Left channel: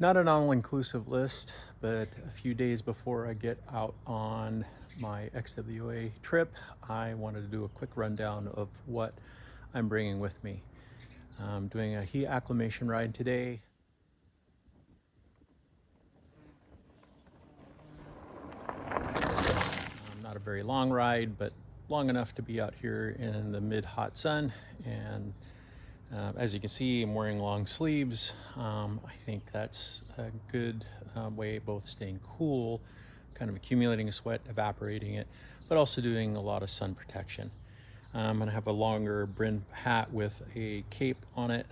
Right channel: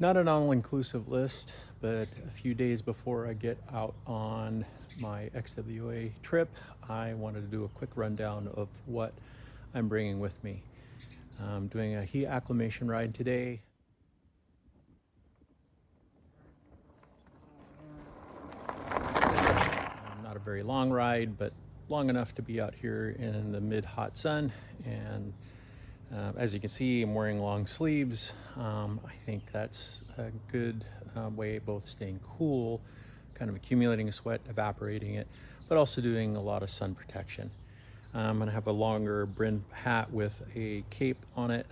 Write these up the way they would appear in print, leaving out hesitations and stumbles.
Not an all-inclusive list, but a few days before I get out on my XWA trip, I wanted to do a quick rundown of what I'm bringing with me. I'm doing a heat acclimation ride today. Not a very long ride, but long enough to be out here in the mid-hot sun. And as you can see, I'm wearing long sleeves. I think that's a good way of both staying cool, kind of accumulating sweat, evaporating it, but also doing a lot of sun protection. I'm going to have a longer brim hat with a cape on it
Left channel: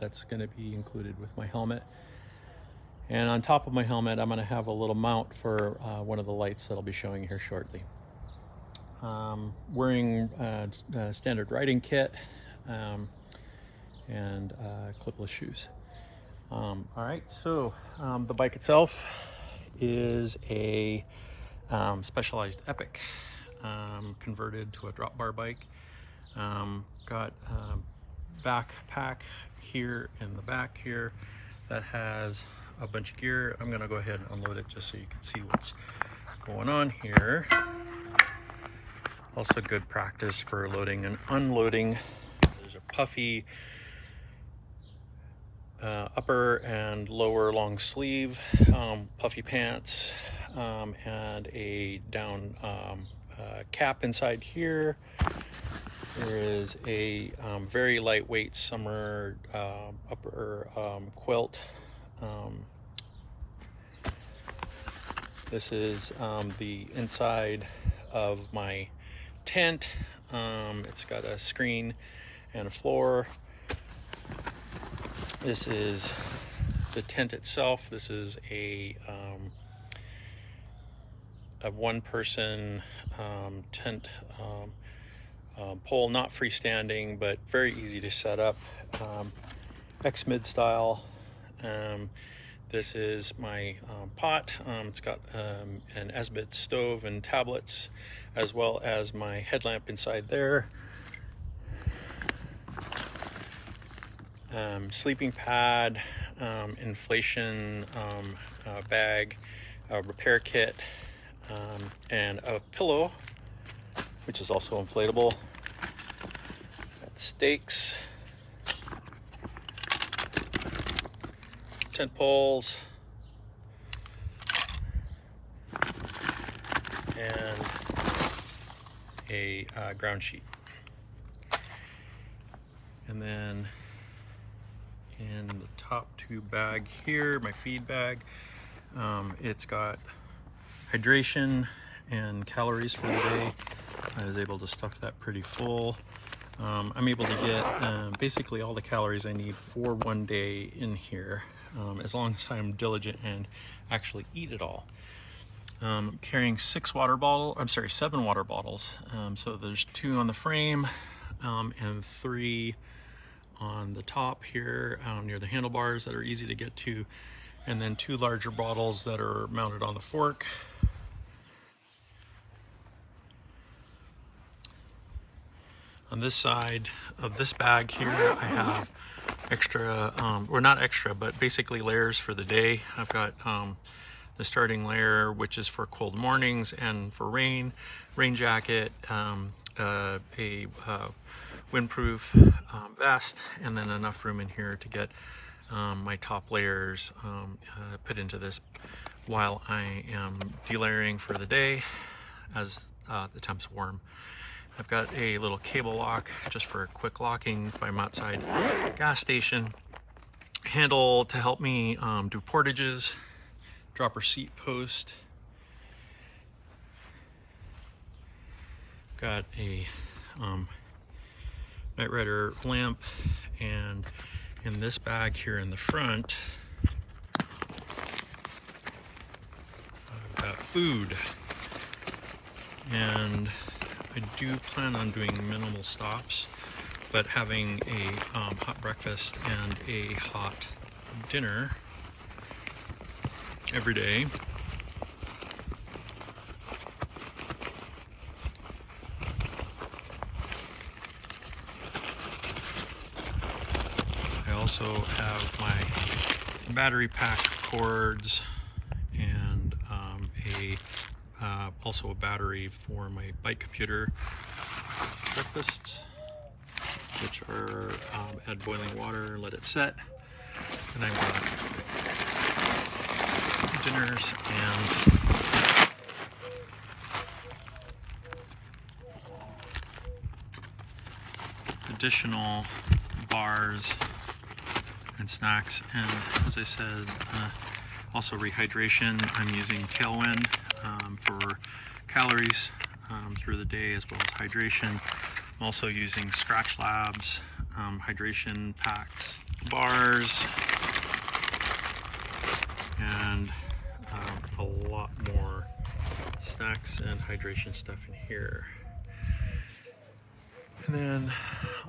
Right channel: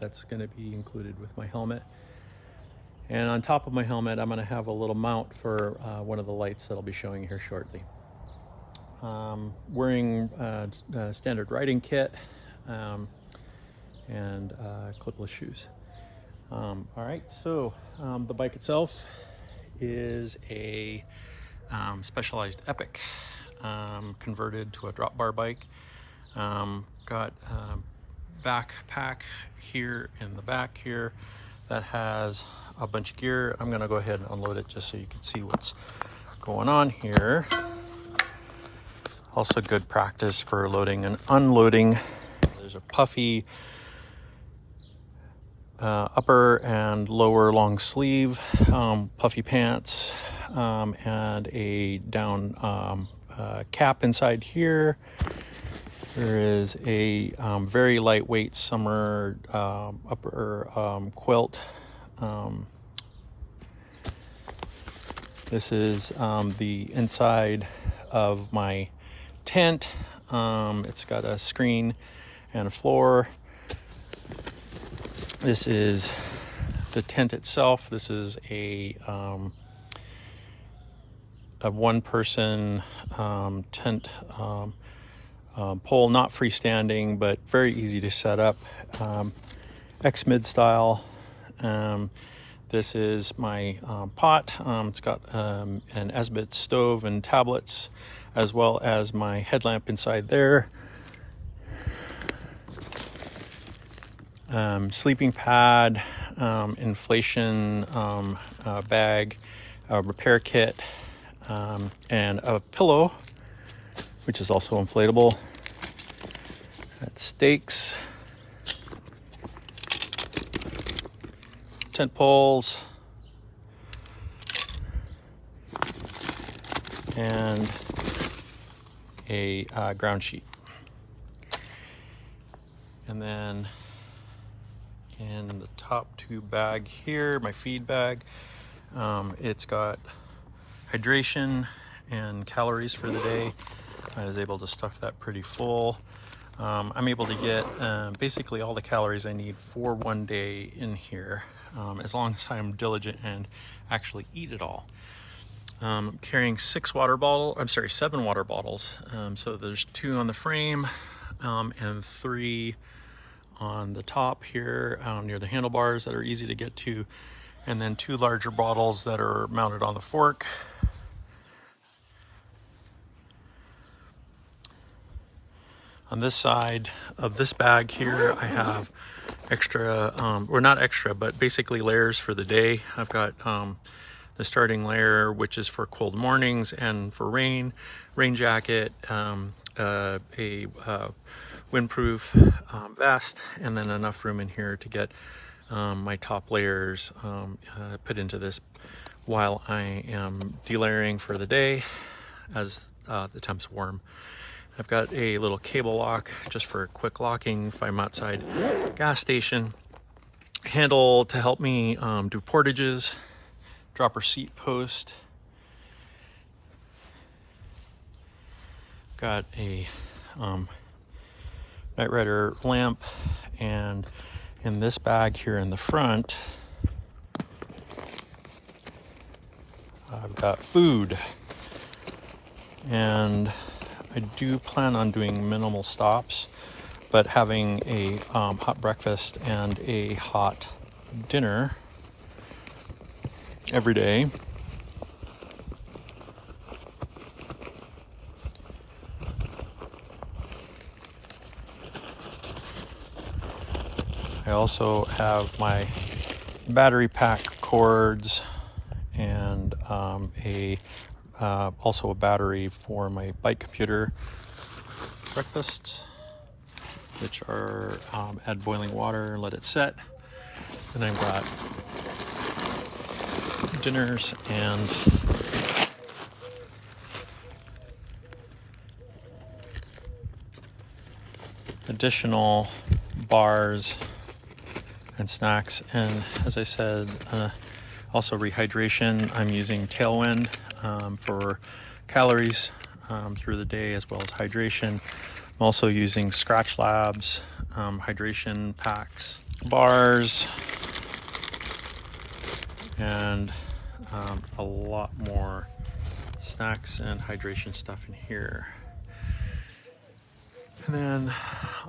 that's going to be included with my helmet. And on top of my helmet, I'm going to have a little mount for one of the lights that I'll be showing you here shortly. Wearing a standard riding kit and clipless shoes. All right, so the bike itself is a Specialized Epic converted to a drop bar bike. Got a backpack here in the back here that has a bunch of gear. I'm gonna go ahead and unload it just so you can see what's going on here. Also good practice for loading and unloading. There's a puffy upper and lower long sleeve, puffy pants, and a down cap inside here. There is a very lightweight summer upper quilt. This is the inside of my tent. It's got a screen and a floor. This is the tent itself. This is a one-person tent pole, not freestanding, but very easy to set up. X-mid style. This is my pot. It's got an Esbit stove and tablets, as well as my headlamp inside there. Sleeping pad, inflation bag, a repair kit, and a pillow, which is also inflatable. Got stakes, tent poles, and a ground sheet. And then in the top two bag here, my feed bag, it's got hydration and calories for the day. I was able to stuff that pretty full. I'm able to get basically all the calories I need for one day in here, as long as I'm diligent and actually eat it all. I'm carrying 7 water bottles. So there's 2 on the frame and 3 on the top here near the handlebars that are easy to get to, and then 2 larger bottles that are mounted on the fork. On this side of this bag here, I have extra, or not extra, but basically layers for the day. I've got the starting layer, which is for cold mornings and for rain jacket, a windproof vest, and then enough room in here to get my top layers put into this while I am delayering for the day as the temp's warm. I've got a little cable lock just for quick locking if I'm outside gas station. Handle to help me do portages. Dropper seat post. Got a Night Rider lamp, and in this bag here in the front, I've got food. And I do plan on doing minimal stops, but having a hot breakfast and a hot dinner every day. I also have my battery pack cords, and also a battery for my bike computer. Breakfasts, which are add boiling water, let it set. And I've got dinners and additional bars and snacks. And as I said, also rehydration. I'm using Tailwind for calories through the day, as well as hydration. I'm also using Scratch Labs hydration packs, bars, and a lot more snacks and hydration stuff in here. And then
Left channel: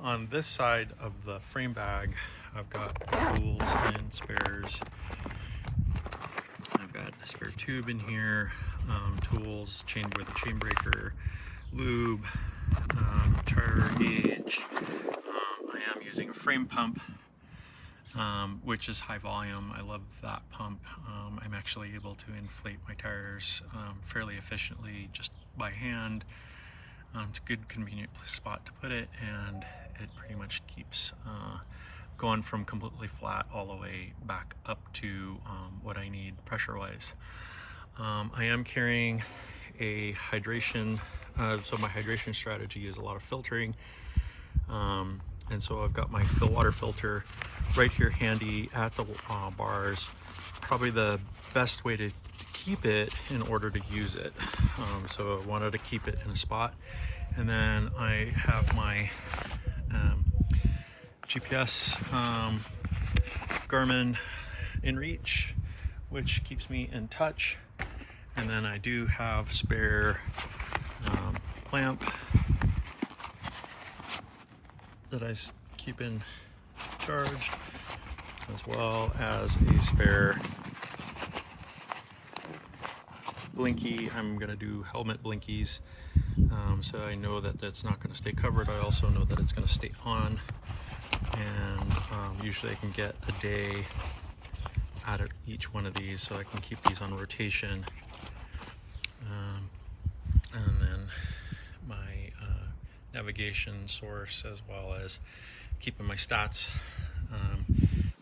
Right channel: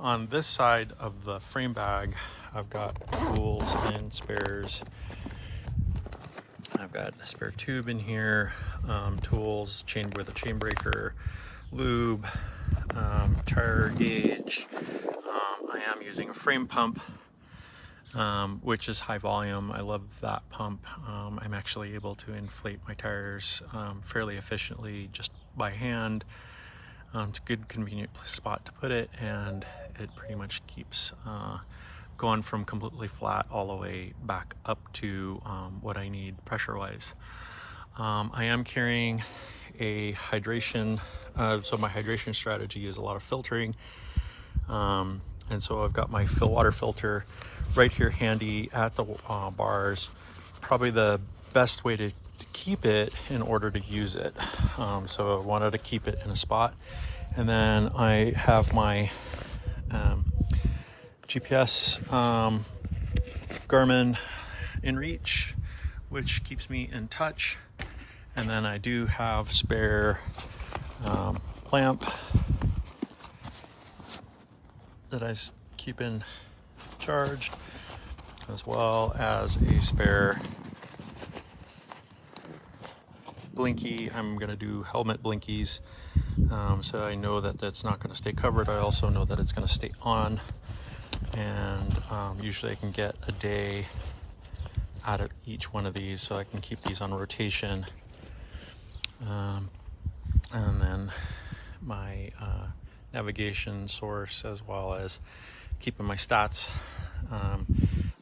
on this side of the frame bag, I've got tools and spares. I've got a spare tube in here, tools, chain with a chain breaker, lube, tire gauge. I am using a frame pump, which is high volume. I love that pump. I'm actually able to inflate my tires fairly efficiently just by hand. It's a good convenient spot to put it, and it pretty much keeps going from completely flat all the way back up to what I need pressure wise. I am carrying a hydration, so my hydration strategy is a lot of filtering, and so I've got my water filter right here handy at the bars. Probably the best way to keep it in order to use it. So I wanted to keep it in a spot. And then I have my GPS Garmin InReach, which keeps me in touch. And then I do have spare lamp that I keep in charged, as well as a spare blinky. I'm going to do helmet blinkies, so I know that that's not going to stay covered. I also know that it's going to stay on, and usually I can get a day out of each one of these, so I can keep these on rotation. And then my navigation source, as well as keeping my stats,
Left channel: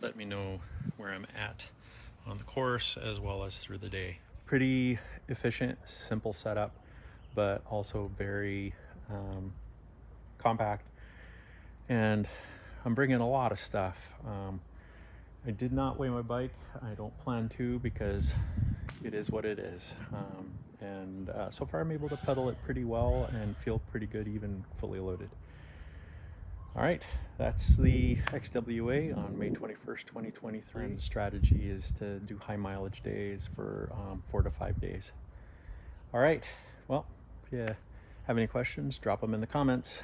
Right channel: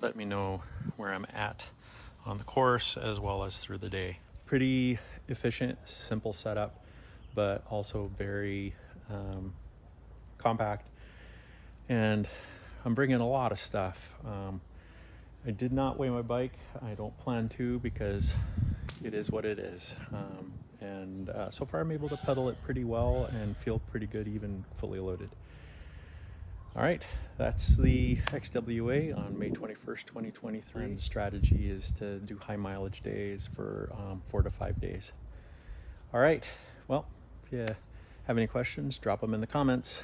let me know where I'm at on the course as well as through the day. Pretty efficient, simple setup, but also very compact. And I'm bringing a lot of stuff. I did not weigh my bike. I don't plan to, because it is what it is. And so far I'm able to pedal it pretty well and feel pretty good even fully loaded. All right, that's the XWA on May 21st, 2023. And the strategy is to do high mileage days for 4 to 5 days. All right, well, if you have any questions, drop them in the comments.